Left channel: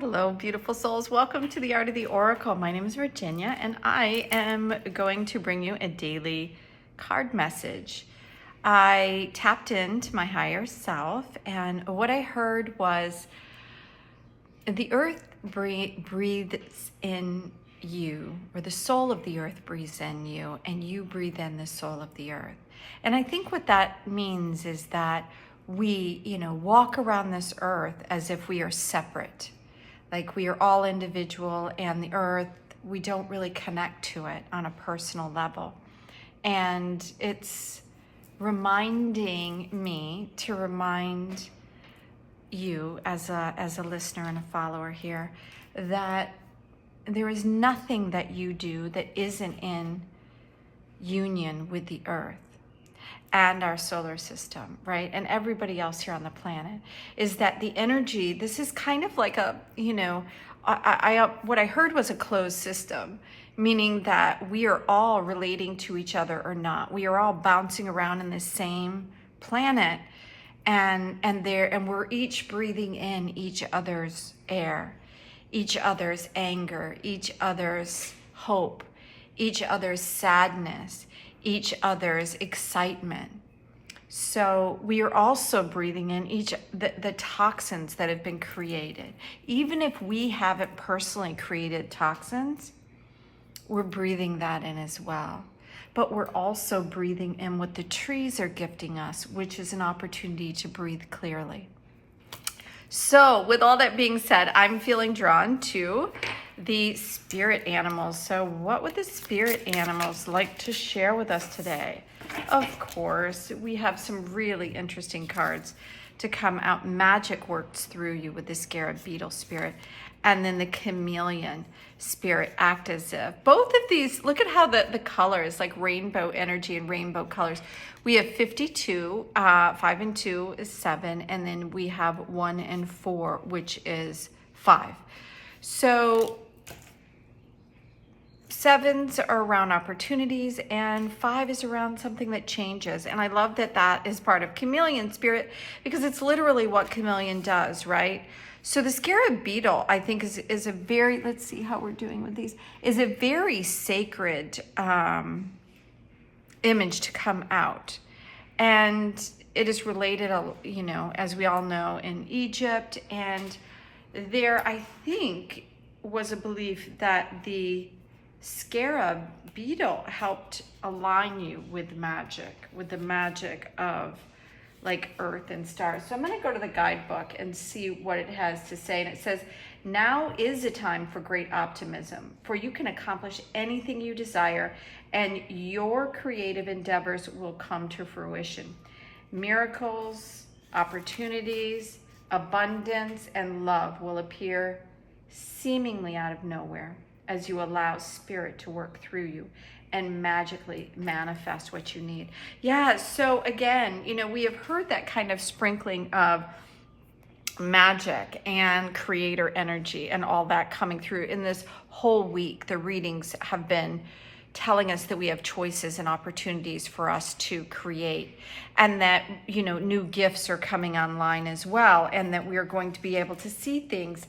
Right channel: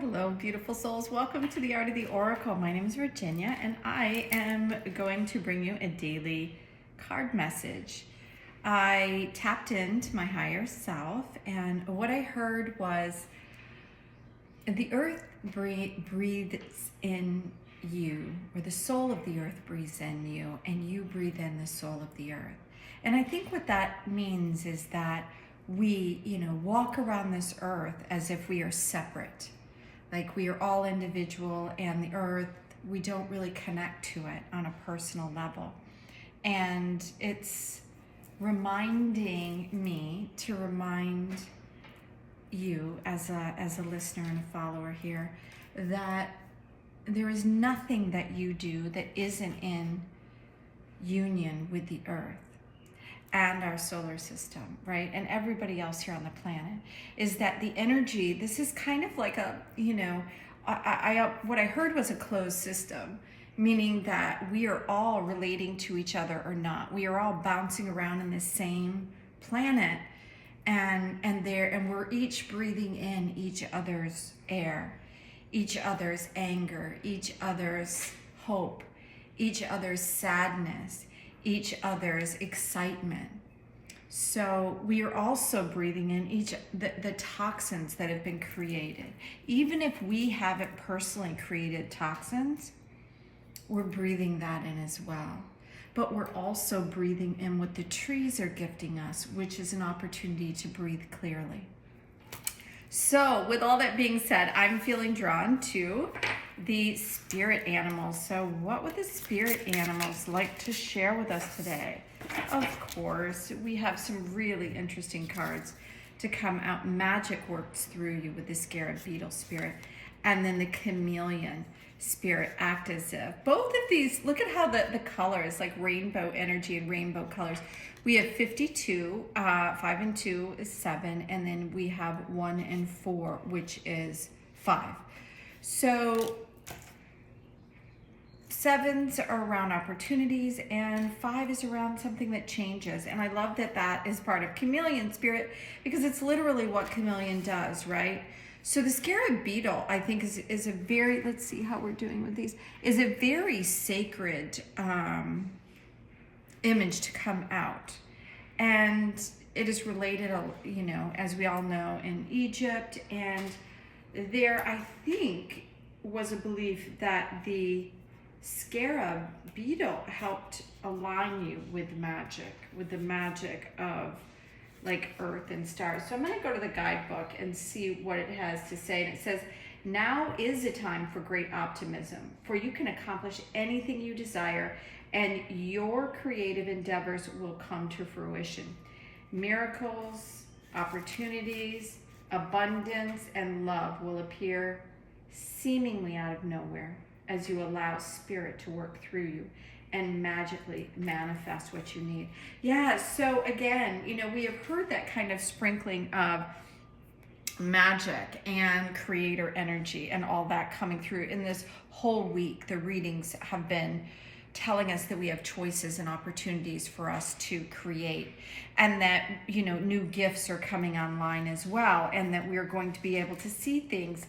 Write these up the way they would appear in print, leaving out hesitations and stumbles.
Hello, beautiful souls. Welcome to the Art of the Oracle. My name is Virginia, and I am going to bring you a daily card message. I tapped into my higher self, and what I heard was the earth breathes in you, or the soul of the earth breathes in you, and you breathe in the soul of the earth. And I think what that means is that we, walk around this earth as if we are separate. Like we are all individual, and the earth, we don't really connect to it on a personal level. And it's reminding me to remind you as a listener and a follower here that there is nothing that you do that isn't in union with the earth and our solar system, right? And everybody else here on the planet, is that the energy, this is kind of like a, what I heard was a closed system, meaning that we are all relating to each other or not. We are all bouncing around in the same planet, and we're each breathing in each other's air, each other's anger, each other's hope, each other's sadness, each other's excitement. So we are also breathing in the toxins that have been created. Even if we haven't personally created toxins, we're breathing that in as well. But we're also breathing in what the trees are gifting us, which is an opportunity to breathe clearly. So with all that being said, I'm feeling drawn to the spirit animals. So what would the spirit animals like to share with us today? Of course, we have some really interesting cards to come out. Magic works through you with the scarab beetle spirit, and then the chameleon spirit act as if. Both of these, look at how the colors, like rainbow energy and rainbow colors. We have 52, 5 and 2 is 7, and then we have 1 and 4, which is 5. So 7s are around opportunities, and 5 is around something that changes. And I love that that is part of chameleon spirit, because it's literally what chameleon does, right? So the scarab beetle, I think, is a very, let's see how we're doing with these, is a very sacred image to come out. And it is related, as we all know, in Egypt. And there, I think, was a belief that the scarab beetle helped align you with magic, with the magic of like earth and stars. So I'm going to go to the guidebook and see what it has to say. And it says, now is a time for great optimism, for you can accomplish anything you desire, and your creative endeavors will come to fruition. Miracles, opportunities, abundance, and love will appear seemingly out of nowhere as you allow spirit to work through you and magically manifest what you need. Yeah, so again, we have heard that kind of sprinkling of magic and creator energy and all that coming through in this whole week. The readings have been telling us that we have choices and opportunities for us to create, and that, new gifts are coming online as well, and that we are going to be able to see things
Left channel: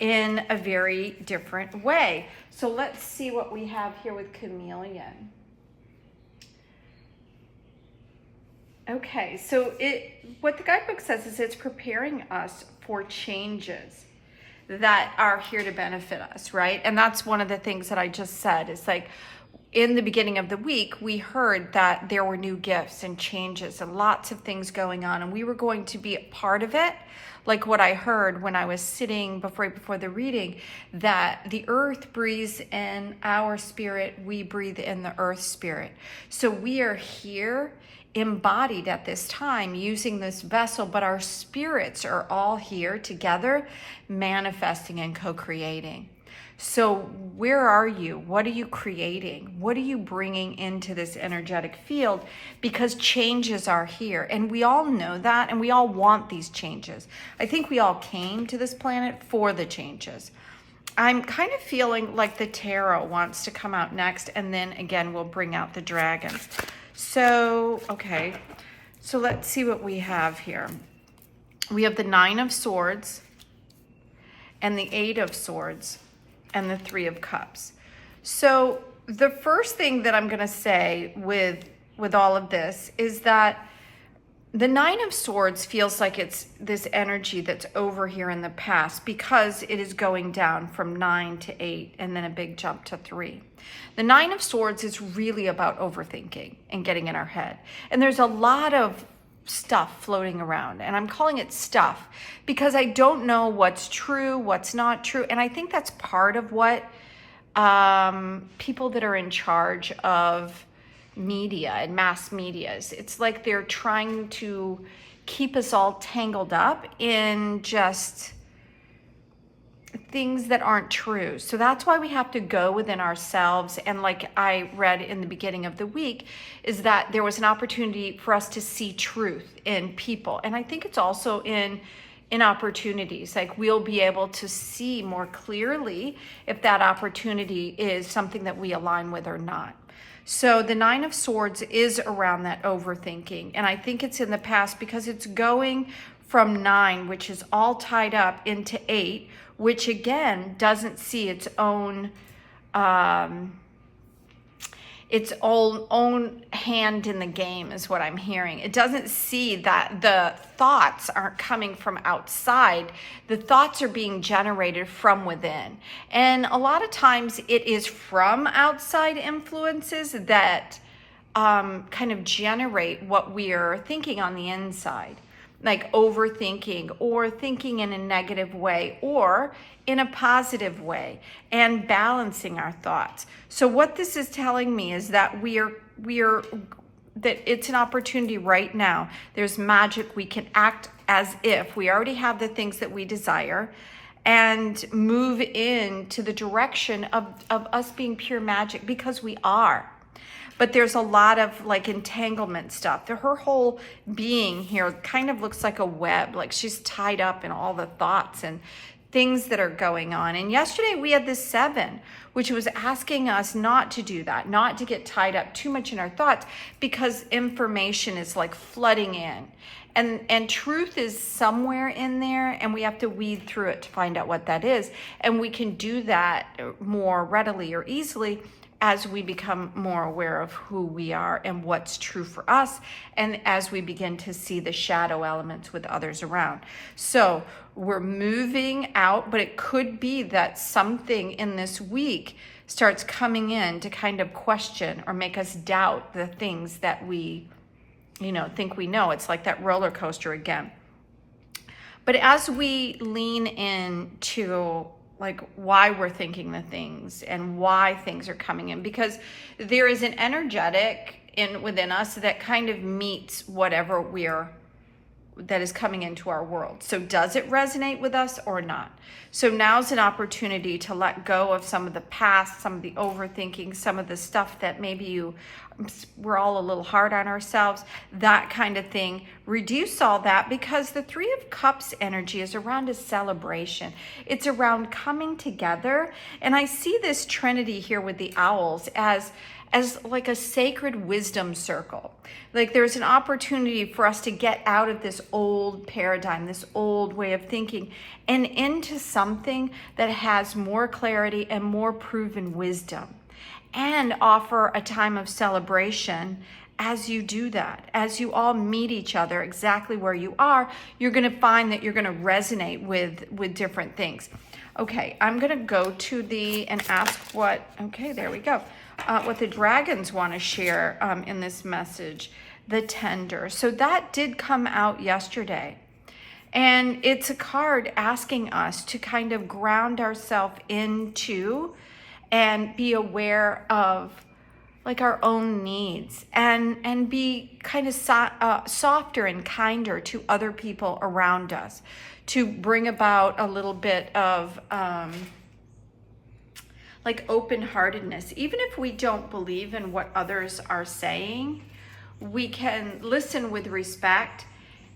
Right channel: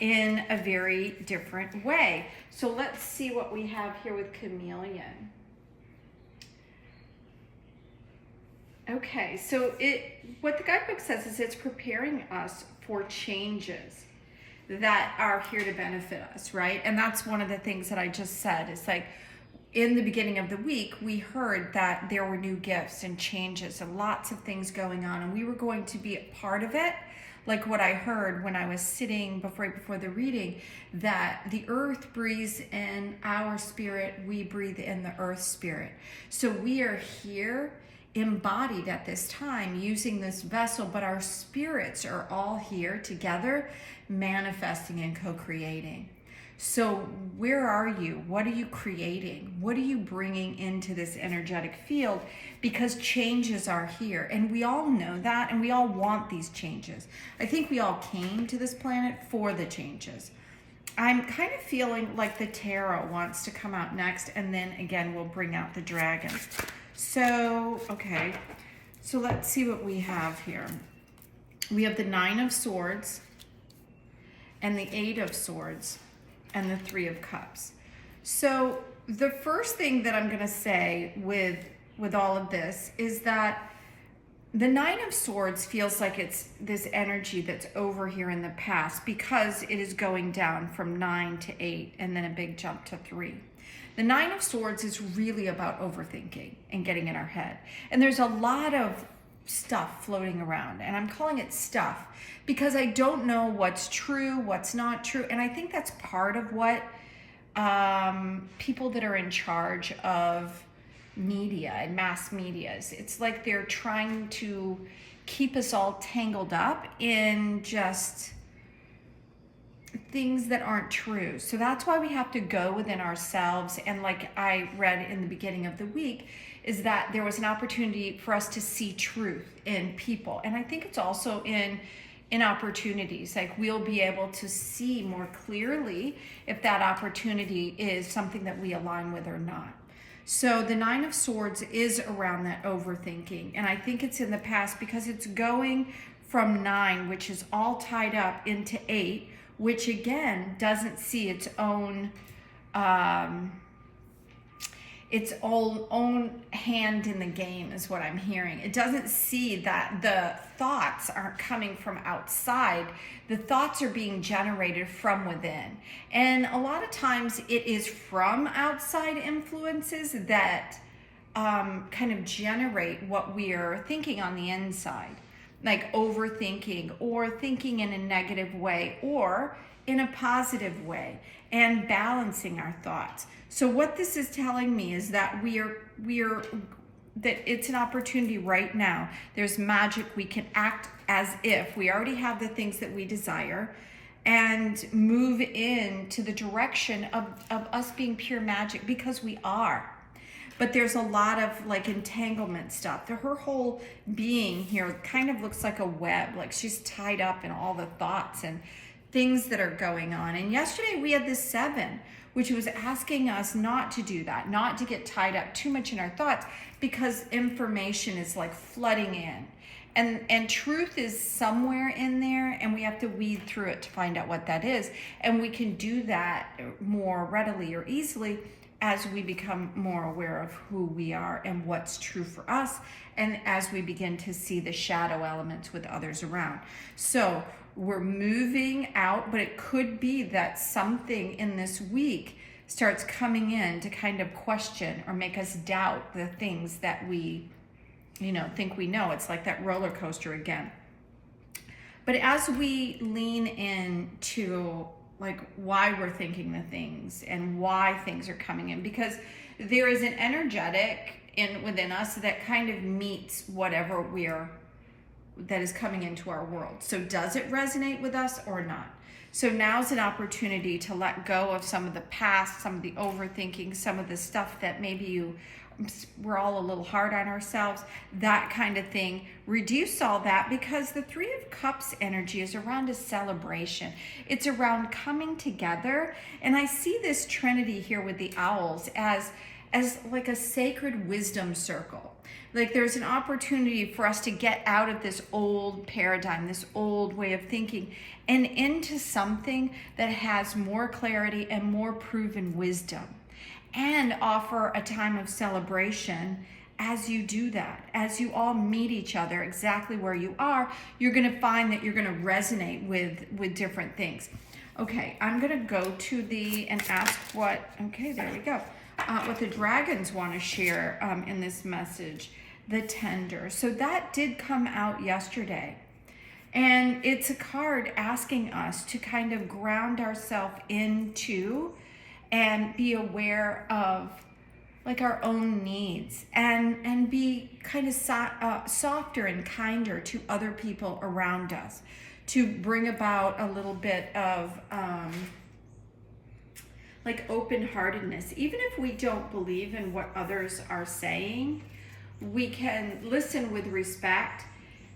in a very different way. So let's see what we have here with chameleon. Okay, so what the guidebook says is it's preparing us for changes that are here to benefit us, right? And that's one of the things that I just said. It's like in the beginning of the week, we heard that there were new gifts and changes and lots of things going on, and we were going to be a part of it. Like what I heard when I was sitting before the reading, that the earth breathes in our spirit, we breathe in the earth spirit. So we are here embodied at this time using this vessel, but our spirits are all here together manifesting and co-creating. So where are you? What are you creating? What are you bringing into this energetic field? Because changes are here, and we all know that, and we all want these changes. I think we all came to this planet for the changes. I'm kind of feeling like the tarot wants to come out next, and then again, we'll bring out the dragon. So, okay, so let's see what we have here. We have the 9 of Swords, and the Eight of Swords, and the Three of Cups. So the first thing that I'm going to say with all of this is that the Nine of Swords feels like it's this energy that's over here in the past, because it is going down from 9 to 8 and then a big jump to 3. The Nine of Swords is really about overthinking and getting in our head. And there's a lot of stuff floating around, and I'm calling it stuff because I don't know what's true, what's not true. And I think that's part of what people that are in charge of media and mass medias, it's like they're trying to keep us all tangled up in just things that aren't true. So that's why we have to go within ourselves. And like I read in the beginning of the week, is that there was an opportunity for us to see truth in people. And I think it's also in opportunities, like we'll be able to see more clearly if that opportunity is something that we align with or not. So the Nine of Swords is around that overthinking. And I think it's in the past because it's going from 9, which is all tied up, into 8, which again doesn't see its own hand in the game, is what I'm hearing. It doesn't see that the thoughts aren't coming from outside. The thoughts are being generated from within. And a lot of times it is from outside influences that kind of generate what we are thinking on the inside, like overthinking or thinking in a negative way or in a positive way, and balancing our thoughts. So what this is telling me is that that it's an opportunity right now. There's magic. We can act as if we already have the things that we desire and move into the direction of us being pure magic, because we are. But there's a lot of like entanglement stuff. Her whole being here kind of looks like a web, like she's tied up in all the thoughts and things that are going on. And yesterday we had this 7, which was asking us not to do that, not to get tied up too much in our thoughts, because information is like flooding in. And truth is somewhere in there, and we have to weed through it to find out what that is. And we can do that more readily or easily as we become more aware of who we are and what's true for us, and as we begin to see the shadow elements with others around. So we're moving out, but it could be that something in this week starts coming in to kind of question or make us doubt the things that we, think we know. It's like that roller coaster again. But as we lean into like why we're thinking the things and why things are coming in, because there is an energetic within us that kind of meets whatever that is coming into our world. So does it resonate with us or not? So now's an opportunity to let go of some of the past, some of the overthinking, some of the stuff that maybe we're all a little hard on ourselves, that kind of thing. Reduce all that, because the Three of Cups energy is around a celebration. It's around coming together. And I see this trinity here with the owls as like a sacred wisdom circle. Like there's an opportunity for us to get out of this old paradigm, this old way of thinking, and into something that has more clarity and more proven wisdom, and offer a time of celebration as you do that. As you all meet each other exactly where you are, you're going to find that you're going to resonate with different things. Okay, I'm going to go to and ask there we go. What the dragons want to share in this message, the Tender. So that did come out yesterday. And it's a card asking us to kind of ground ourselves into and be aware of like our own needs, and be kind of softer and kinder to other people around us, to bring about a little bit of like open-heartedness. Even if we don't believe in what others are saying, we can listen with respect,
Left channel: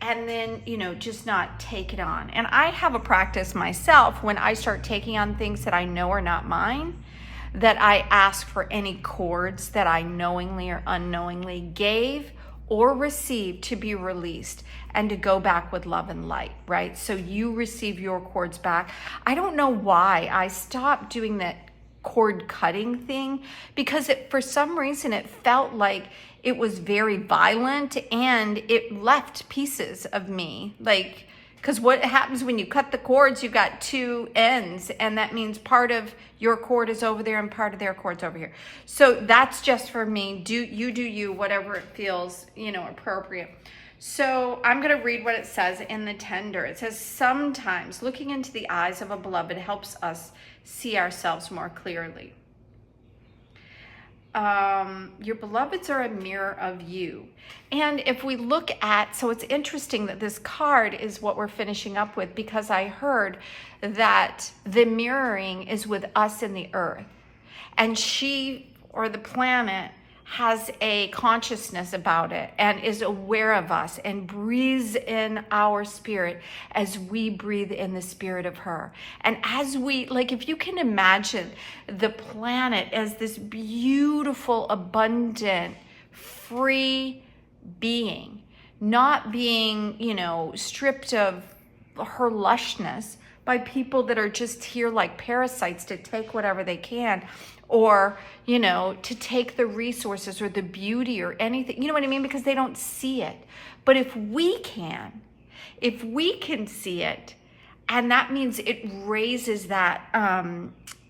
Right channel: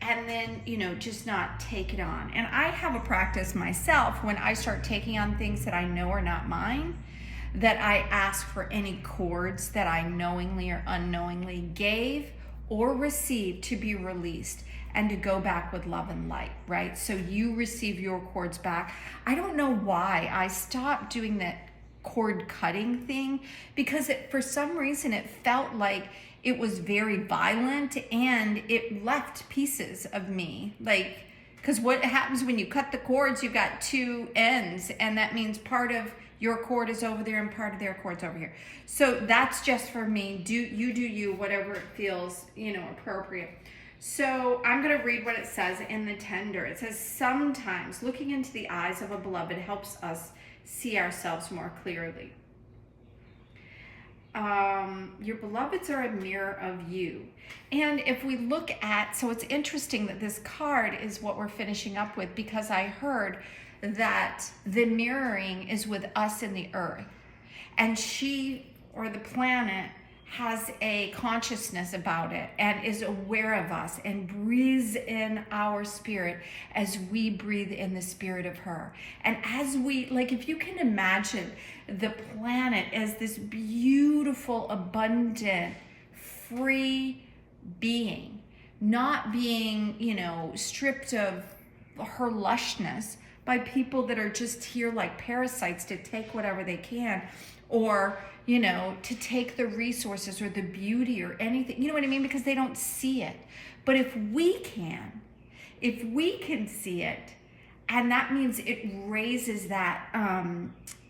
and then, just not take it on. And I have a practice myself when I start taking on things that I know are not mine, that I ask for any cords that I knowingly or unknowingly gave or received to be released, and to go back with love and light, right? So you receive your cords back. I don't know why I stopped doing that cord cutting thing, because for some reason it felt like it was very violent and it left pieces of me. Like, because what happens when you cut the cords, you got two ends, and that means part of your cord is over there and part of their cord's over here. So that's just for me. Do you, whatever it feels, you know, appropriate. So I'm going to read what it says in the tender. It says, sometimes looking into the eyes of a beloved helps us see ourselves more clearly. Your beloveds are a mirror of you. And if we look at, so it's interesting that this card is what we're finishing up with, because I heard that the mirroring is with us in the earth, and she, or the planet, has a consciousness about it and is aware of us and breathes in our spirit as we breathe in the spirit of her. And as we, like, if you can imagine the planet as this beautiful, abundant, free being, not being, you know, stripped of her lushness by people that are just here like parasites to take whatever they can, or, you know, to take the resources or the beauty or anything, you know what I mean? Because they don't see it. But if we can see it, and that means it raises that,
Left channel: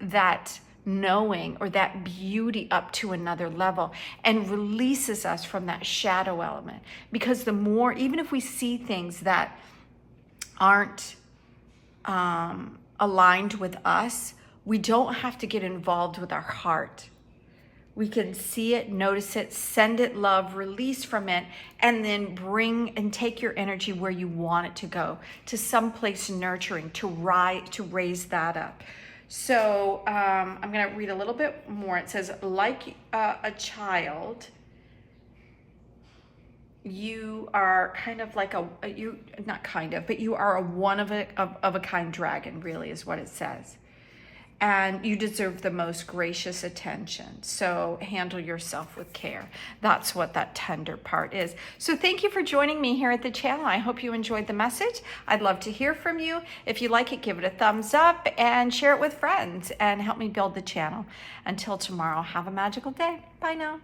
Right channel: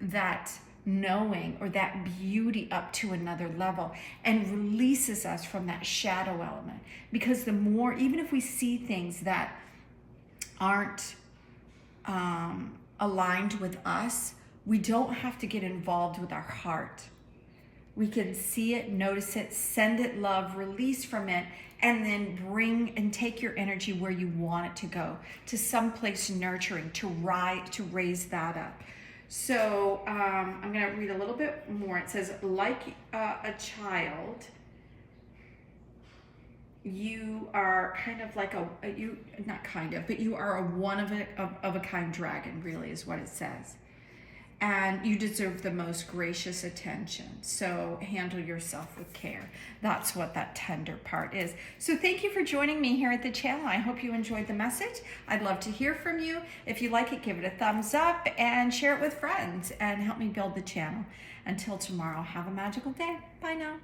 that knowing or that beauty up to another level and releases us from that shadow element. Because the more, even if we see things that aren't aligned with us, we don't have to get involved with our heart. We can see it, notice it, send it love, release from it, and then bring and take your energy where you want it to go, to someplace nurturing, to raise that up. So I'm going to read a little bit more. It says, like a child, you are kind of like you are a one of a kind dragon, really, is what it says. And you deserve the most gracious attention. So handle yourself with care. That's what that tender part is. So thank you for joining me here at the channel. I hope you enjoyed the message. I'd love to hear from you. If you like it, give it a thumbs up and share it with friends and help me build the channel. Until tomorrow, have a magical day. Bye now.